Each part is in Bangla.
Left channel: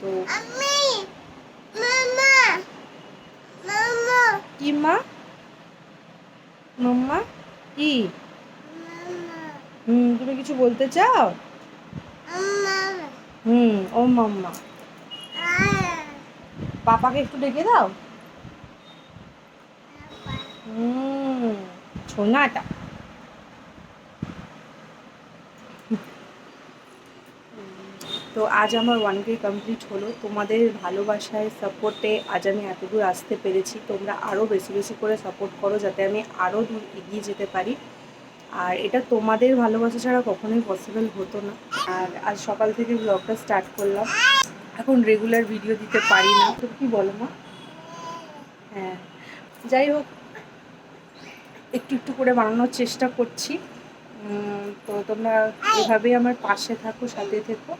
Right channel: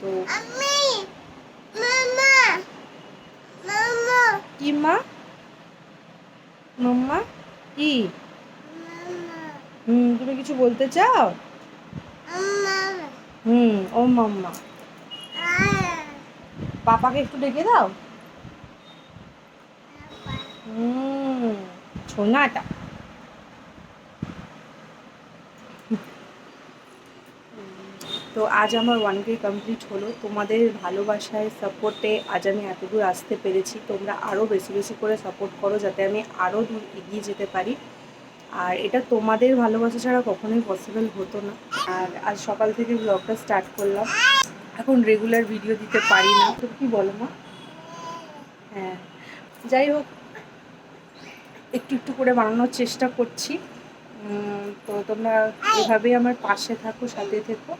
তো আমি মামা মামা। কি মা মাম্মা কি হুম তুমি কিছু বলতে চাও? হুম ও মাম্মা। পাপাকে একটু ডেকে দাও। হুম ছোনাটা। তো আজ আমার ওয়ান কে কমপ্লিট হলো। তোমাদের ভালোবাসায় সাপোর্টে আজ আমি এতদূর আসতে পেরেছি। তোমরা আরও বেশি বেশি করে সাপোর্ট করো যাতে আমি আরও দূর এগিয়ে যেতে পারি। আর এটা তোমাদের ভালোবাসা ছাড়া কখনোই পসিবল হতো না। আর আজ সকাল থেকে ব্লগটা স্টার্ট করলাম। এখন রেগুলার ভিডিও দিতে পারি না। তো কি বলো মা? হ্যাঁ। যাই হোক, একটু একটু করে বানানোর চেষ্টা করছি। তো তোমরা এভাবেই আমার পাশে থাকো সাথে থেকো।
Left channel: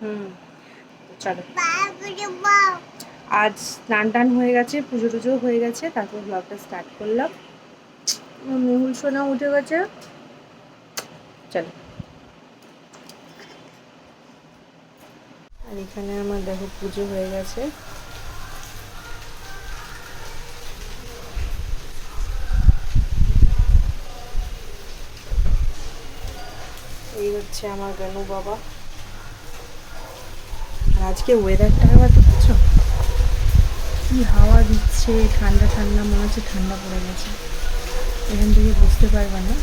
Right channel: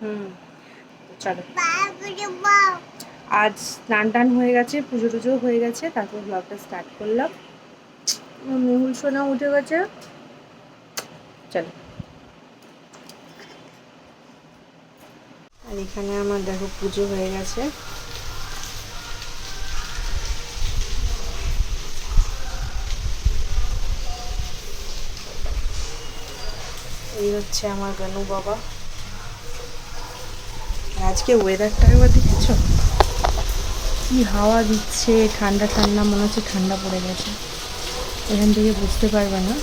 হুম, চলো। আজ স্নান টান হয়ে গেছে পুজো টুজো হয়ে গেছে তারপর ব্লগটা স্টার্ট করলাম। মেহুল সোনা উঠে গেছে। চলো। আর এখানে আমার দেখো পুজো হয়ে গেছে। এই হচ্ছে আমার গনু বাবা। আজকে ওয়েদারটা একবার দেখেছ? কি হাওয়া দিচ্ছে, ঠান্ডা ঠান্ডা, মনে হচ্ছে ঠান্ডা পড়ে গেছে। এখান থেকে বুঝতে পারবে না,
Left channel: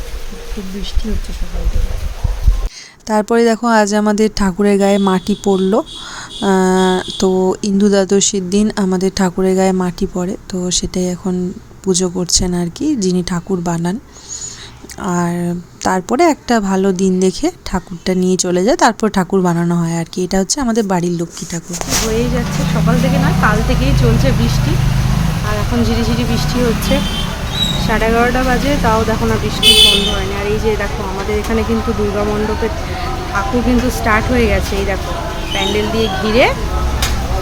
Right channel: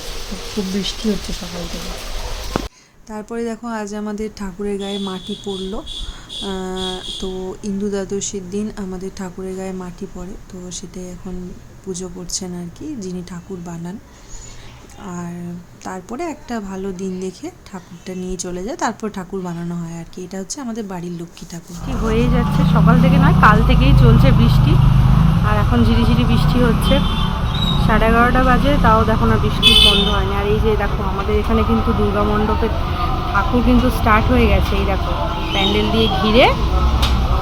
খুব বৃষ্টি হচ্ছে সকাল থেকে। তারপরে দেখো, আজ আমাদের ঠাকুরের গায়ে মাটি পড়ল। তো ইন্দু দ্বাদশীর দিন আমাদের ঠাকুরের গায়ে মাটি পড়ে। তো সেটাই এখন পুজো করছেন আর কি, যিনি ঠাকুর বানান। আর তারপরে একটা ভালো দিন দেখে ঠাকুরটা নিয়ে চলে যায়, তারপর ঠাকুর বানানো হয় আর কি। এটা হচ্ছে আমাদের বাড়ির লক্ষ্মী ঠাকুর। হয়েই যাচ্ছে সকাল থেকে না কাল থেকেই চলছে বৃষ্টি। আর এখন ঝিরিঝিরি বৃষ্টি হচ্ছে। সাড়ে এগারোটা বাজে, তাও দেখো না বৃষ্টি বন্ধ হয়নি। আর এই যে দেখো, আমাদের এখানে কিন্তু দুর্গা মণ্ডপের ঠাকুর কিন্তু স্টার্ট হয়ে গেছে। এই দেখো, প্যান্ডেল দিয়ে ঘিরে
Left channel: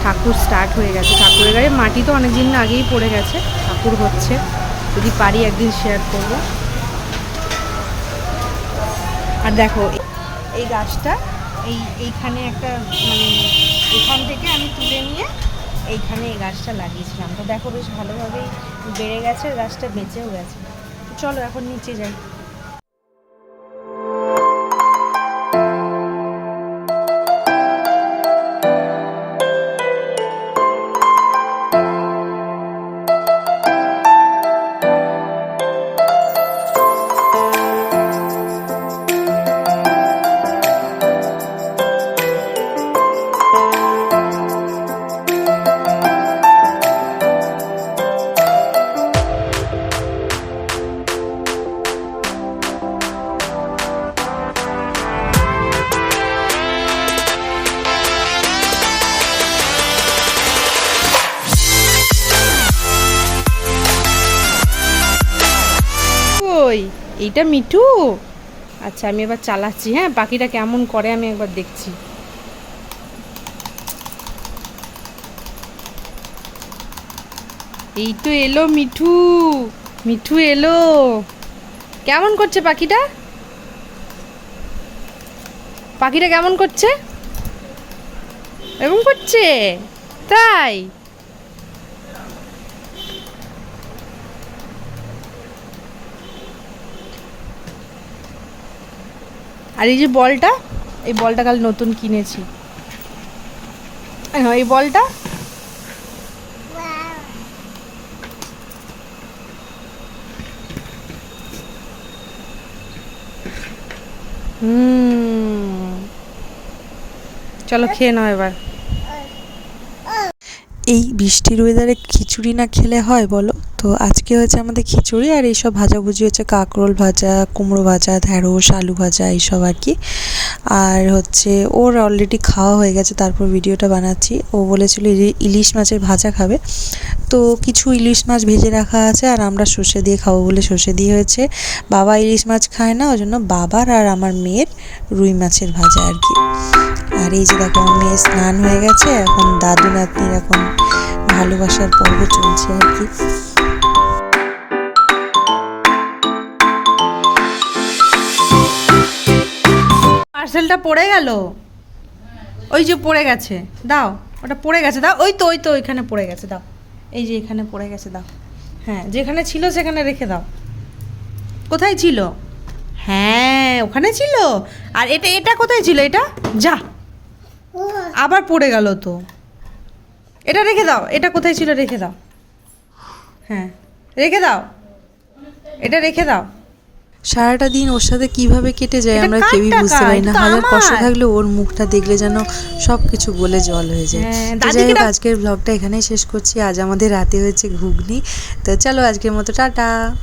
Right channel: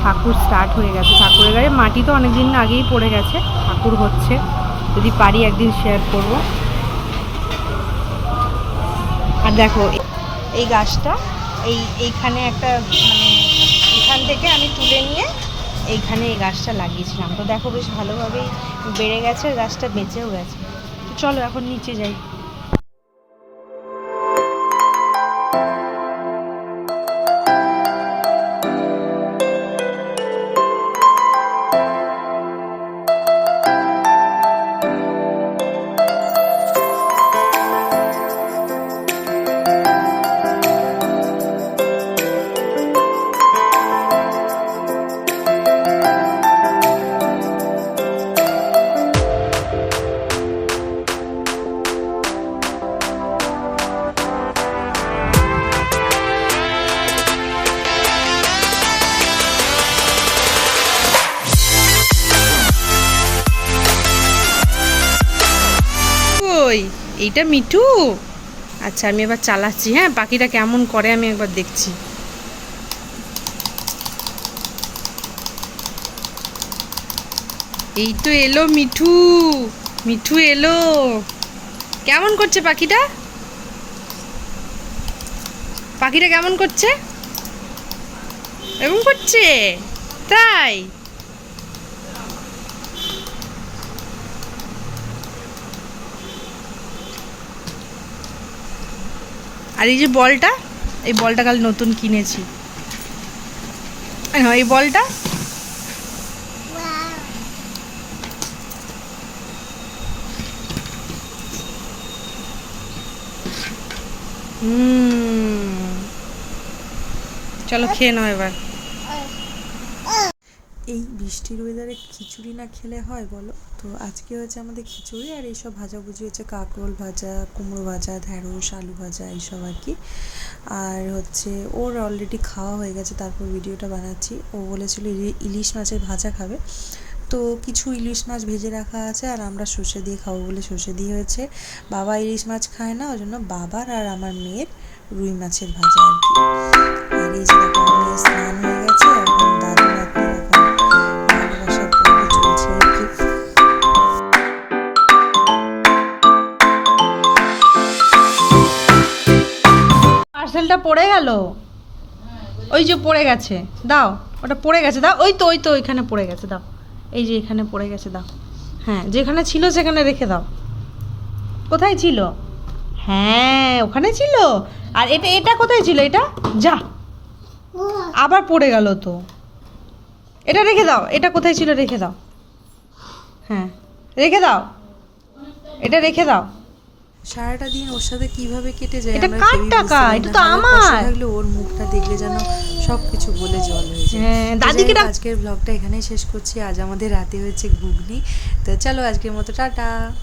ঠাকুর স্টার্ট হয়ে গেছে। ঠাকুরের গায়ে মাটি তো অনেক দিন আগেই পড়ে গেছে। ঠাকুর হচ্ছে। যদি পারি একদিন শেয়ার করব। আর দেখো, এই গাছটা, এই, এইখানে একটা মানে এখান থেকে আমি তুলে নিয়ে এইখানে এই গাছটা লাগিয়েছিলাম। তো দেখো বেশ ভালোভাবেই বেড়ে গেছে, গাছটা বেঁচেও গেছে। চলো এখন নিচে যাই। এইটা মিঠু? আচ্ছা আমি এবার চালাচ্ছি হ্যাঁ? পাখিটা কেমন করে আমি একবার দেখছি। এই তো এলো মিঠু মিঠু এলো। কেমন করছে পাখিটা? পাখিটা কেমন করছে? এরকম করছে? তাই? আর এই যে বলটা, এই বলটা কাল নতুন কিনেছি। হ্যাঁ এই বলটা? চলো খেয়ে নাও এবার। এই বৃষ্টির ওয়েদারে খিচুড়ি না খেলে হয় বলো? তো আজকে হয়েছে আমাদের খিচুড়ি আর এইসব ভাজাভুজি হচ্ছে কাঁকরোল ভাজা, কুমড়ো ভাজা ঢ্যাঁড়স আলু ভাজা এইসব আর কি। আর হচ্ছে ওর অলরেডি খাওয়া হয়ে গেছে, তারপর ভিডিওটা বানাচ্ছি। ও বলেছিল ইলি- ইলিশ মাছের ভাজা খাবে। তো কিছু ইলিশ মাছ ভেজে রাখা আছে আর আমরা সর্ষে দিয়ে খাব বলে সর্ষে দিয়ে হয়েছে। বাবা ইলিশ মাছ খায় না, ওই জন্য বাবার আর আমার মেয়ের রুই মাছের ভাজা আর কি। আর এই যে দেখো, আমার মেয়ে স্নান হয়ে গেছে, এখন দাদু, নাতনির এখন ভালোবাসার পর্ব চলছে আর কি। পার্সেলটা পড়ে গেল? ওই যে পড়ে গেছে। দাও, ওটা পড়ে গেছে। দাও, ওই তো ওই তো, ওইখানে পড়ে গেছে, দাও। এই যে এখানে পড়ে গেছে, দাও। হ্যাঁ যেখানে ছিল সেখানে রেখে দাও। কোথায় ছিল? হ্যাঁ ওখানে ছিল। আর এটা এটা কোথায় ছিল এটা? যা। আবার পড়ে গেল তো। এটা রেখে দাও, এটা কোথায় ছিল রেখে দাও। হ্যাঁ রেখে দাও। এটা রেখে দাও। সারাটা দিন ওর সাথে কীভাবে কেটে যায় আমরা কেউই বুঝতে পারি না। হাজার কষ্ট। থাকলে ওর মুখটা দেখলে যেন সব কিছু বলে জল হয়ে যায়। হ্যাঁ, যাই হোক আজকের ব্লগটা এখানেই শেষ করছি। আজ আমাদের রাতে হয়েছে ঘুগনি। তো চলো আজকের মতো টাটা।